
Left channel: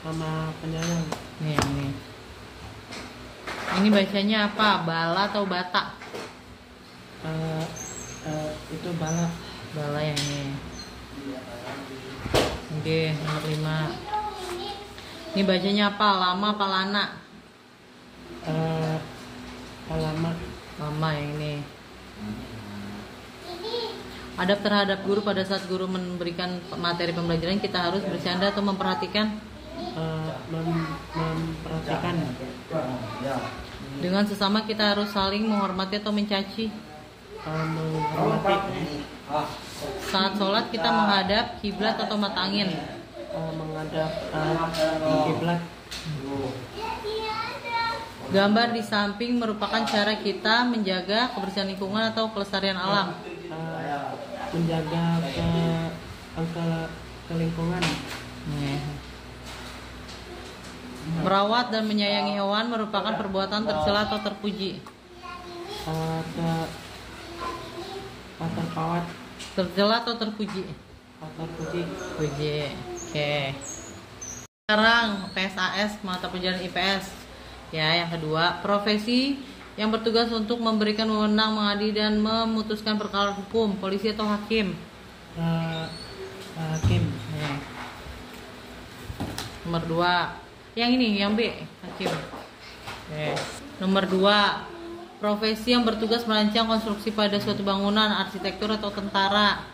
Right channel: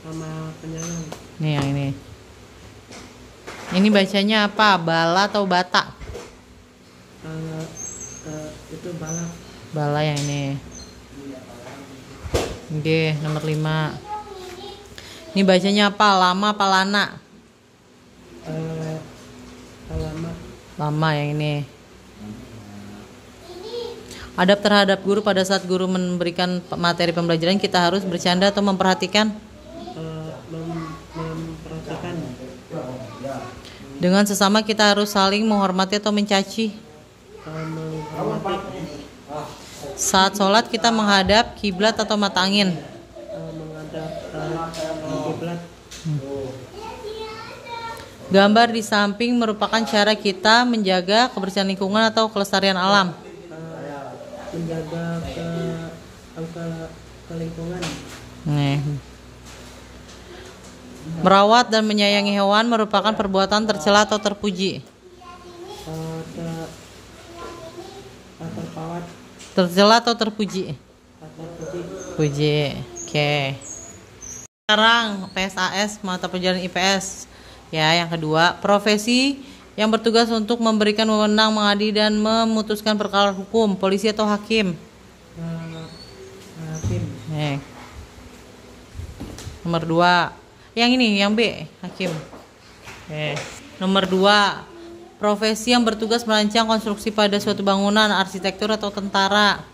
nama penyayang, Nih, yang ini. Ini bacanya apa? Bala atau bata? itu bala, Bala yang ini. Oke, nomor 5. Ini bacanya apa? Lama apa lana? alamat, Lama yang ini. Adab terhadap guru pada saat guru memberikan materi pembelajaran kita harus bercanda atau memperhatikan. memperhatikan, Dengan sesama kita harus saling menghormati atau mencaci. menghormati, Saat sholat kita menghadap kiblat atau mata angin. menghadap kiblat, Gambar di samping merupakan cara kita menjaga kebersihan lingkungan atau kelestarian alam. menjaga ke lingkungan, Nih. Merawat dan menyayangi hewan merupakan perbuatan tercela atau terpuji. terpawat, tercela atau terpuji? terpuji, Puji. Oke. Sekarang PSAS mata pelajaran IPS. Ya, yang kedua, profesi yang bertugas untuk memberikan wewenang mengadili dan memutuskan perkara hukum, polisi atau hakim. hakim, Nomor 2. Yang ini, yang B, hakim. Nomor 2. Profesi yang bertugas merancang konstruksi pada suatu bangunan, arsitektur atau tentara.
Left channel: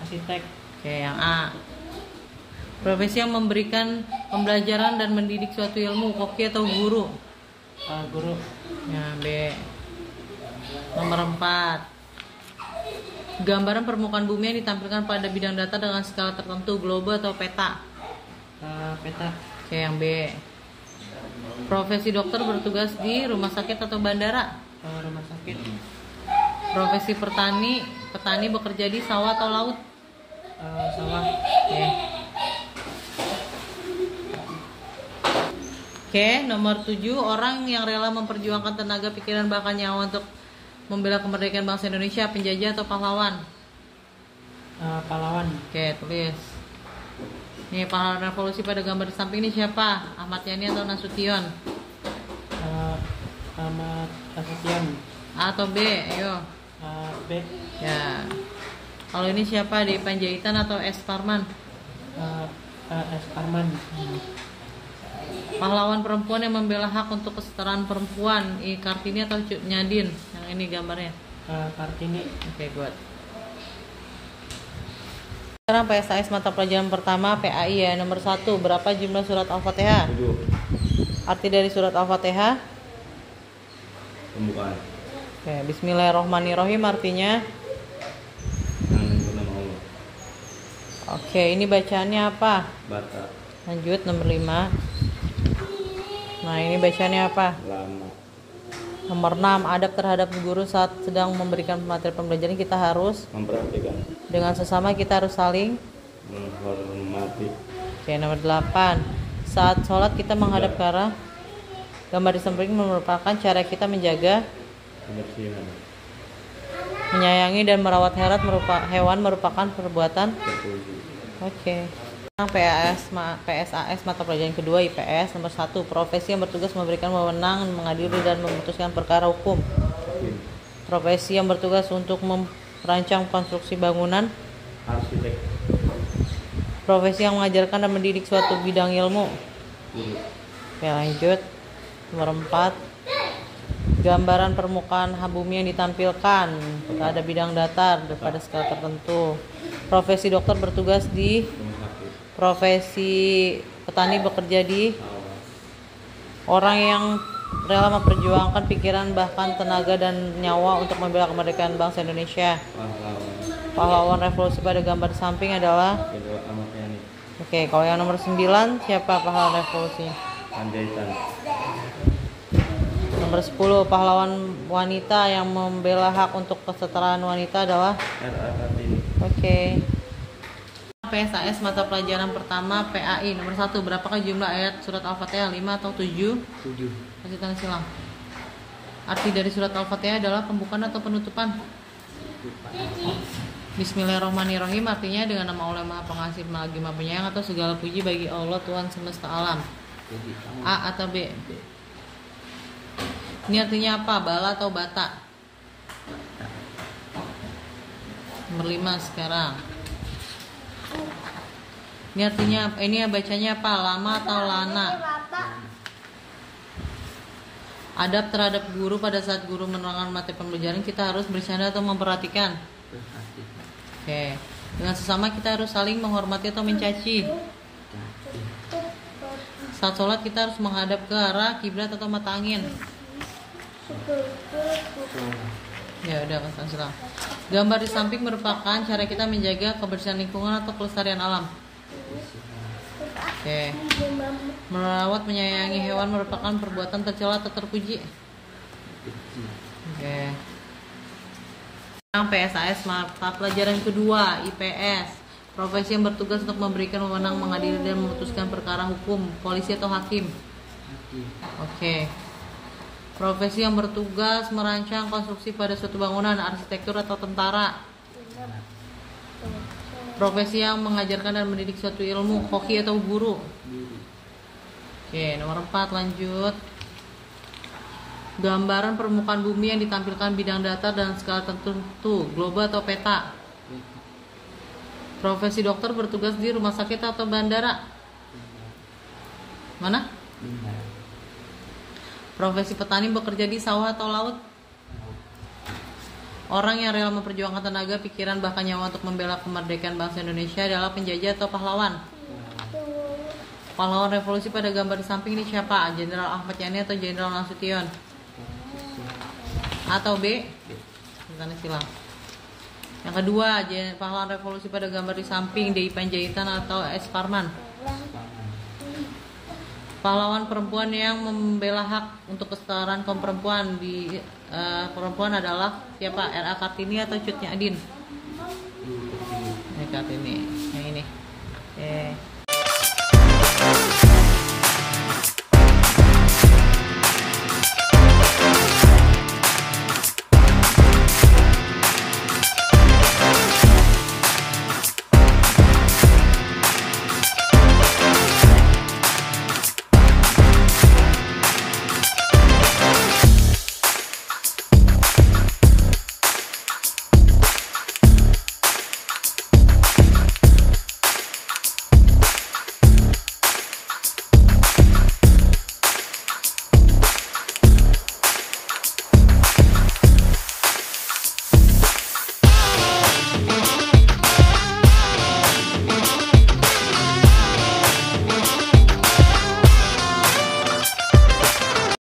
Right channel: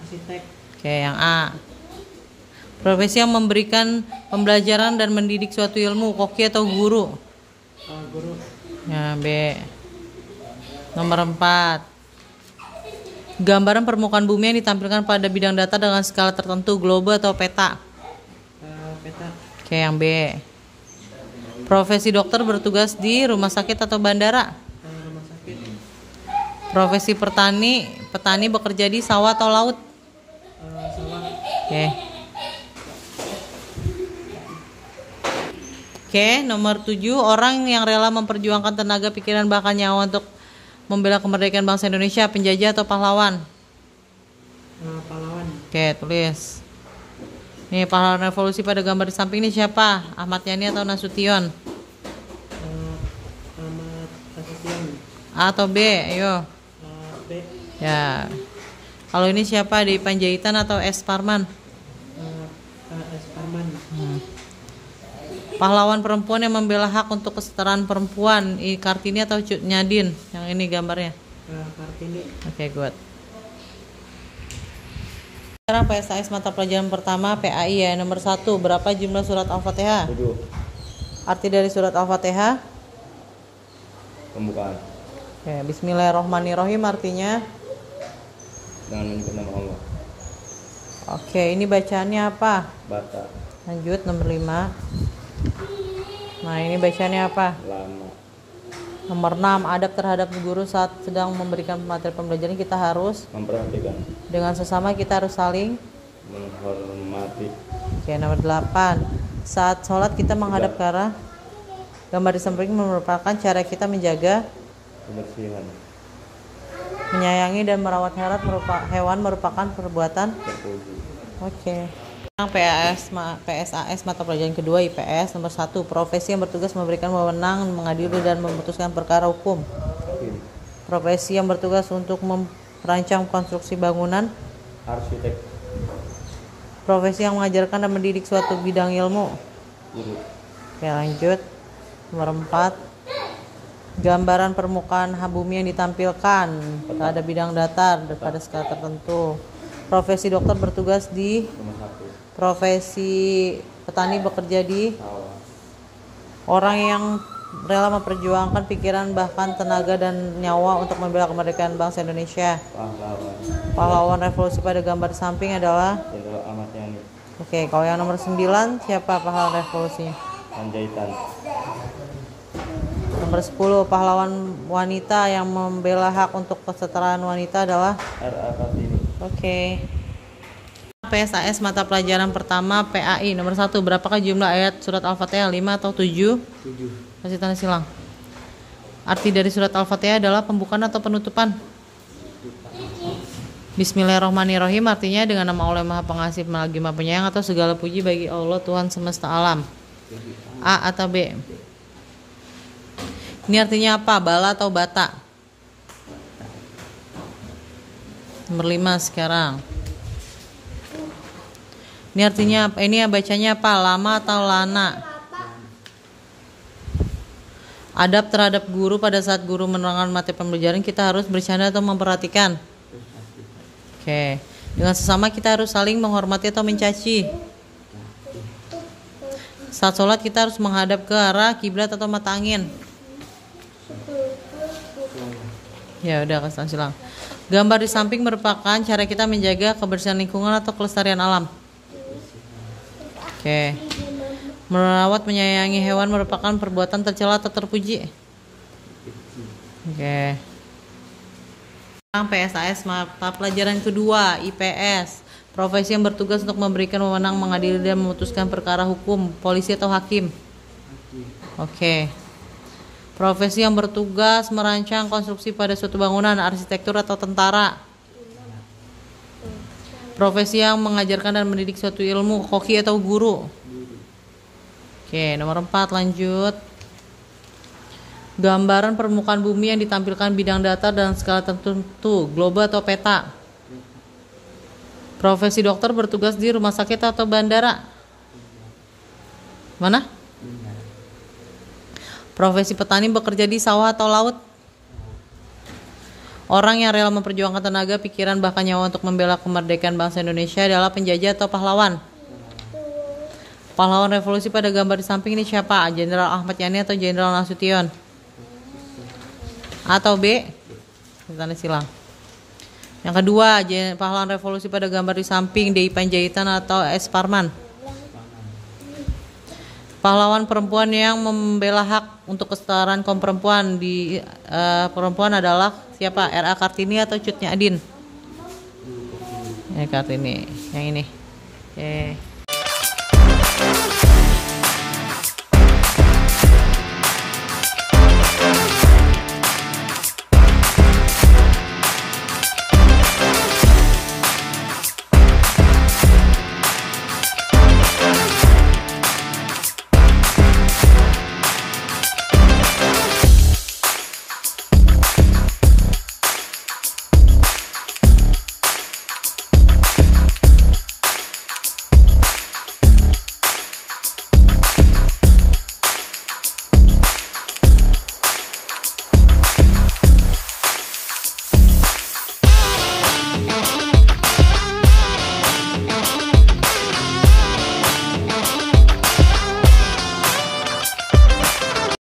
arsitek, Yang A. Profesi yang memberikan pembelajaran dan mendidik suatu ilmu, koki atau guru. guru, Ya, B. Nomor 4. Gambaran permukaan bumi yang ditampilkan pada bidang data dengan skala tertentu, globe atau peta. peta, Yang B. Profesi dokter bertugas di rumah sakit atau bandara. rumah sakit, Profesi petani bekerja di sawah atau laut. sawah, Oke, nomor 7, orang yang rela memperjuangkan tenaga, pikiran, bahkan nyawa untuk membela kemerdekaan bangsa Indonesia, penjajah atau pahlawan. pahlawan, Oke, tulis. Nih, pahlawan revolusi pada gambar di samping ini siapa? Ahmad Yani atau Nasution? Ahmad Nasution, A atau B? Ayo. B, Ya. Kalau ini siapa? Di Panjaitan atau S. Parman? S. Parman, Pahlawan perempuan yang membela hak untuk kesetaraan perempuan, Kartini atau Cut Nyadin? Yang ini gambarnya. Kartini, Oke, good. Sekarang PSAS mata pelajaran pertama PAI ya. Nomor 1, berapa jumlah surat Al-Fatihah? 7. Arti dari surat Al-Fatihah? Pembukaan. Oke, Bismillahirrohmanirrohim artinya? Dengan menyebut nama Allah. Oke, ini bacaannya apa? Bata. Lanjut, nomor 5. Nah, ini bacaannya apa? Lama. Nomor 6, adab terhadap guru saat sedang memberikan materi pembelajaran, kita harus Memperhatikan. dengan sesama, kita harus saling Menghormati. Oke, nomor 8, saat sholat kita menghadap ke arah gambar di samping merupakan cara kita menjaga, Kebersihan. menyayangi dan merawat hewan merupakan perbuatan. Terpuji. Oke. Sekarang PSAS mata pelajaran kedua IPS. Nomor 1, profesi yang bertugas memberikan wewenang mengadili dan memutuskan perkara hukum. Hakim. Profesi yang bertugas untuk merancang konstruksi bangunan. Arsitek. Profesi yang mengajarkan dan mendidik suatu bidang ilmu. Guru. Oke, lanjut. Nomor 4, gambaran permukaan bumi yang ditampilkan pada bidang datar pada skala tertentu. Profesi dokter bertugas di, Rumah sakit. profesi petani bekerja di, Sawah. orang yang rela memperjuangkan pikiran bahkan tenaga dan nyawa untuk membela kemerdekaan bangsa Indonesia. Pahlawan. Pahlawan revolusi pada gambar samping adalah, Jenderal Ahmad Yani. oke, kalau yang nomor 9 siapa pahlawan revolusi? Panjaitan. Nomor 10, pahlawan wanita yang membela hak untuk kesetaraan wanita adalah, R.A. Kartini. oke. PSAS mata pelajaran pertama PAI. Nomor 1, berapakah jumlah ayat surat Al-Fatihah? 5 atau 7? 7, Kasih tanda silang. Arti dari surat Al-Fatihah adalah pembukaan atau penutupan? Bismillahirrohmanirrohim artinya dengan nama Allah Maha Pengasih lagi Maha Penyayang, atau segala puji bagi Allah Tuhan semesta alam. A atau B? Ini artinya apa? Bala atau bata? Nomor 5 sekarang. Ini artinya apa? Ini bacanya apa? Lama atau lana? Adab terhadap guru pada saat guru menerangkan materi pembelajaran, kita harus bercanda atau memperhatikan? Oke. Dengan sesama kita harus saling menghormati atau mencaci? Saat sholat kita harus menghadap ke arah kiblat atau mata angin? Ya udah, kasih silang. Gambar di samping merupakan cara kita menjaga kebersihan lingkungan atau kelestarian alam. Oke. Merawat menyayangi hewan merupakan perbuatan tercela atau terpuji? Oke. Sekarang PSAS mata pelajaran kedua IPS. Profesi yang bertugas untuk memberikan wewenang mengadili dan memutuskan perkara hukum, polisi atau hakim? Oke. Profesi yang bertugas merancang konstruksi pada suatu bangunan, arsitektur atau tentara. Profesi yang mengajarkan dan mendidik suatu ilmu, koki atau guru. Oke, nomor 4 lanjut. Gambaran permukaan bumi yang ditampilkan bidang datar dan skala tertentu, globe atau peta. Profesi dokter bertugas di rumah sakit atau bandara. Mana? Profesi petani bekerja di sawah atau laut. Orang yang rela memperjuangkan tenaga, pikiran, bahkan nyawa untuk membela kemerdekaan bangsa Indonesia adalah penjajah atau pahlawan. Pahlawan revolusi pada gambar di samping ini siapa? Jenderal Ahmad Yani atau Jenderal Nasution? Atau B? Tanda silang. Yang kedua, pahlawan revolusi pada gambar di samping D.I. Panjaitan atau S. Parman? Pahlawan perempuan yang membela hak untuk kesetaraan kaum perempuan di perempuan adalah siapa? R.A. Kartini atau Cut Nyak Dien? Kartini, yang ini. Oke.